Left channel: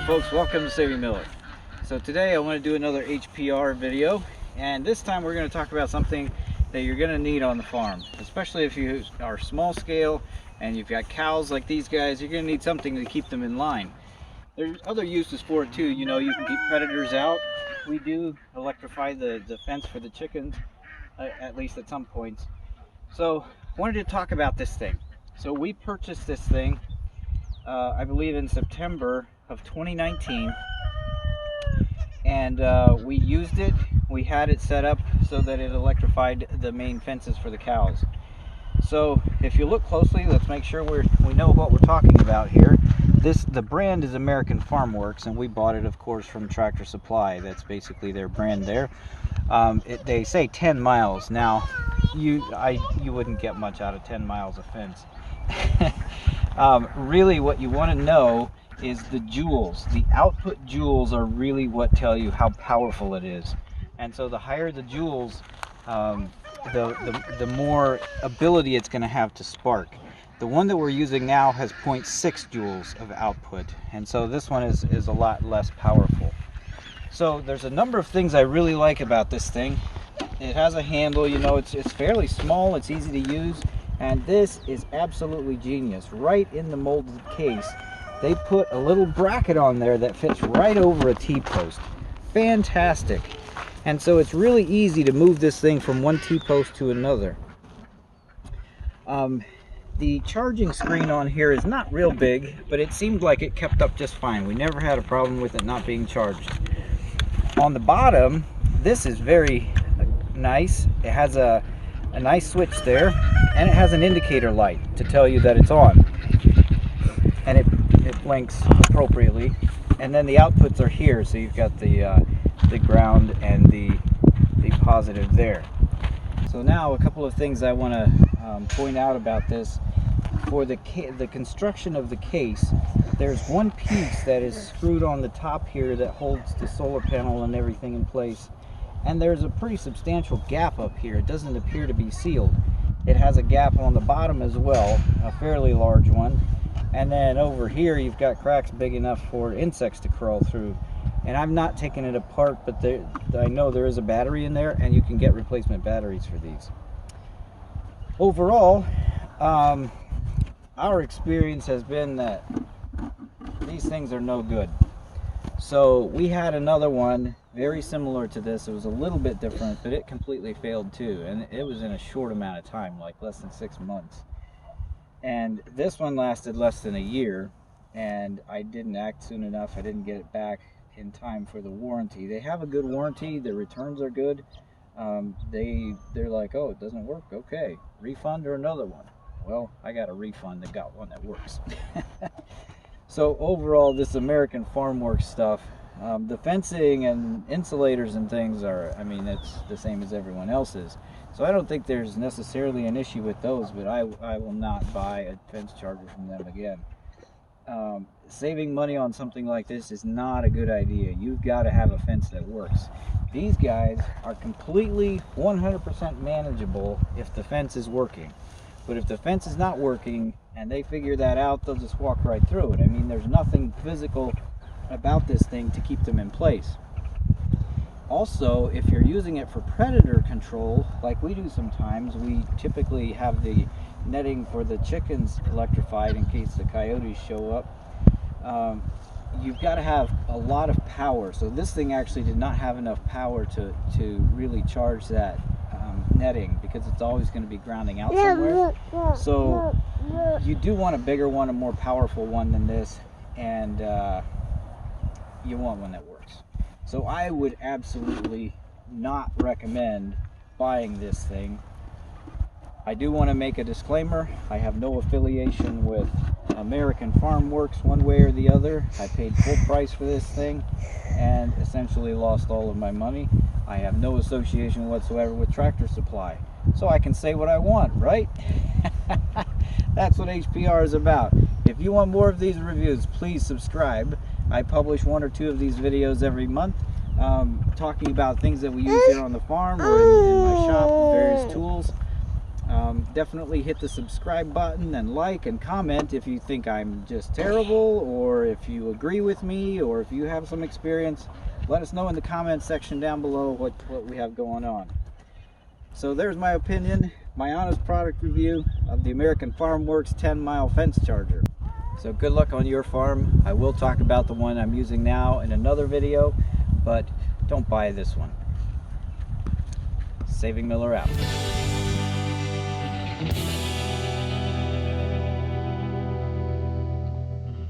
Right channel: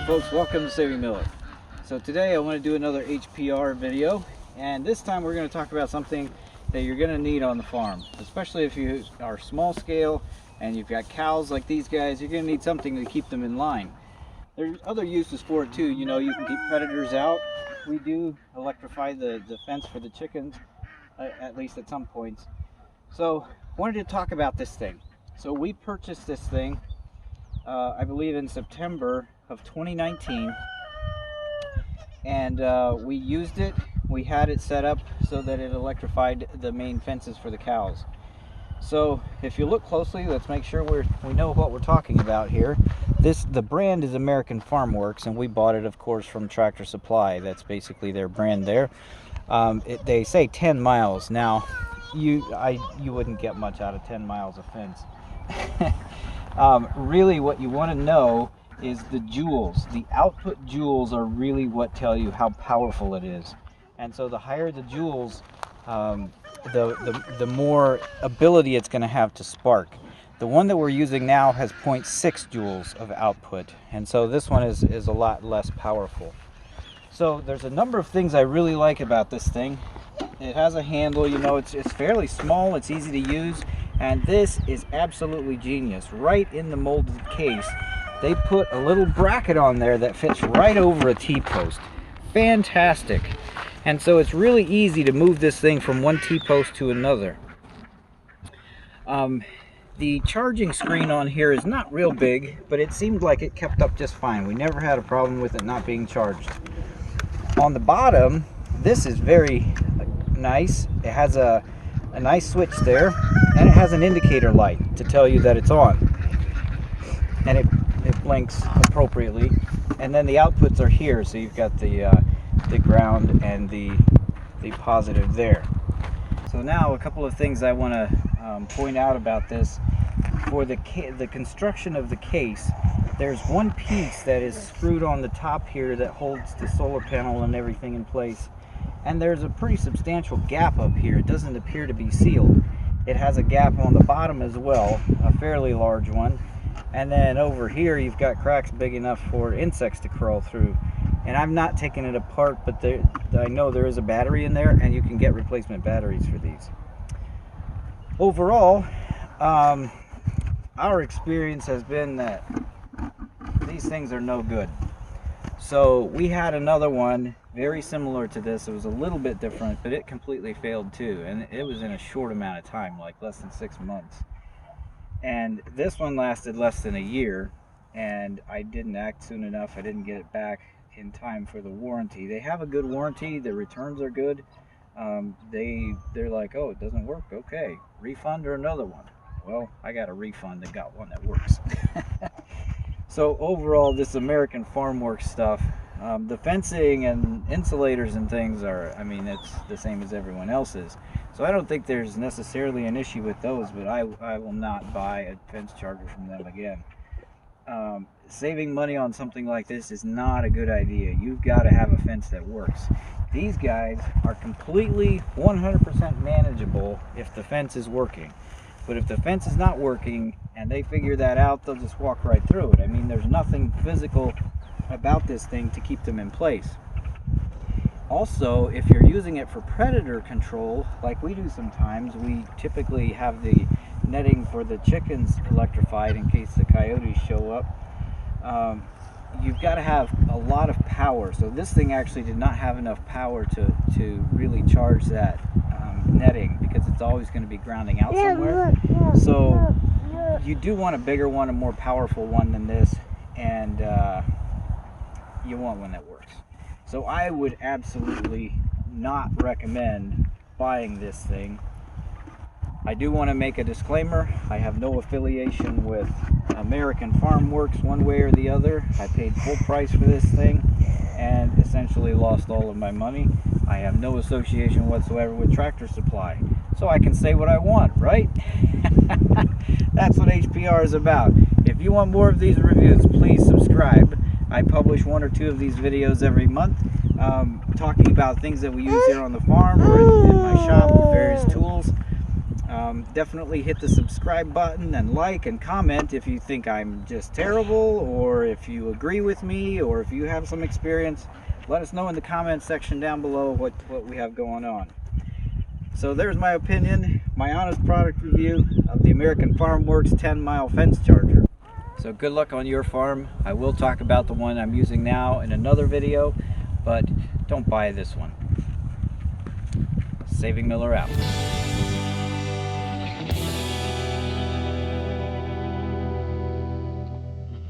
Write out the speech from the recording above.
Hello folks, welcome to Saving Miller. So today I want to do another HPR video, and this time we're going to talk about something that you're going to need on the farm, especially if you are small scale and you've got cows like these guys. You're going to need something to keep them in line. There's other uses for it too. You know, you can keep predators out. We do electrify the fence for the chickens, at least at some points. So I wanted to talk about this thing. So we purchased this thing I believe in September of 2019, and we used it. We had it set up so that it electrified the main fences for the cows. So if you look closely, let's make sure we know what we're talking about here. The brand is American Farm Works, and we bought it of course from Tractor Supply. That's basically their brand there. They say 10 miles. Now you wouldn't get much out of 10 miles of fence. Really what you want to know is the joules. The output joules are really what tell you how powerful it is. And so the higher the joules, the more ability it's going to have to spark. The one that we're using now has 0.6 joules of output, and so this one is a lot less powerful. So there's a number of things I really like about this thing. It has a handle, you know, it's fairly small, it's easy to use. And this is absolutely genius. Right in the molded case, they put a little bracket on there that fits right over a T-post. Fantastic. And so it's really easy to move this thing from one T-post to another. The charging screen on here is not real big, but it seemed like it kept up just fine. We never had a problem with it not being charged. On the bottom, this is very nice. It has a nice switch there, and it has an indicator light to tell you that it's on, and it blinks appropriately. And then the outputs are here, so you've got the ground and the positive there. So now a couple of things I want to point out about this. For the construction of the case, there's one piece that is screwed on the top here that holds the solar panel and everything in place. And there's a pretty substantial gap up here. It doesn't appear to be sealed. It has a gap on the bottom as well, a fairly large one. And then over here you've got cracks big enough for insects to crawl through. And I've not taken it apart, but I know there is a battery in there, and you can get replacement batteries for these. Overall, our experience has been that these things are no good. So we had another one very similar to this. It was a little bit different, but it completely failed too, and it was in a short amount of time, like less than 6 months. And this one lasted less than a year, and I didn't act soon enough. I didn't get it back in time for the warranty. They have a good warranty. The returns are good. They're like, oh, it doesn't work, okay, refund or another one. Well, I got a refund and got one that works. So overall, this American Farm Works stuff, the fencing and insulators and things are, I mean, it's the same as everyone else's. So I don't think there's necessarily an issue with those, but I will not buy a fence charger from them again. Saving money on something like this is not a good idea. You've got to have a fence that works. These guys are completely 100% manageable if the fence is working. But if the fence is not working and they figure that out, they'll just walk right through it. I mean, there's nothing physical about this thing to keep them in place. Also, if you're using it for predator control, like we do sometimes, we typically have the netting for the chickens electrified in case the coyotes show up. You've got to have a lot of power. So this thing actually did not have enough power to really charge that netting, because it's always going to be grounding out somewhere. So you do want a bigger one, a more powerful one than this, and you want one that works. So I would absolutely not recommend buying this thing. I do want to make a disclaimer. I have no affiliation with American Farm Works one way or the other. I paid full price for this thing and essentially lost all of my money. I have no association whatsoever with Tractor Supply, so I can say what I want, right? That's what HPR is about. If you want more of these reviews, please subscribe. I publish 1 or 2 of these videos every month, talking about things that we use here on the farm or in my shop with various tools. Definitely hit the subscribe button and like and comment if you think I'm just terrible, or if you agree with me, or if you have some experience. Let us know in the comment section down below what we have going on. So there's my opinion, my honest product review of the American Farm Works 10-mile fence charger. So good luck on your farm. I will talk about the one I'm using now in another video, but don't buy this one. Saving Miller out.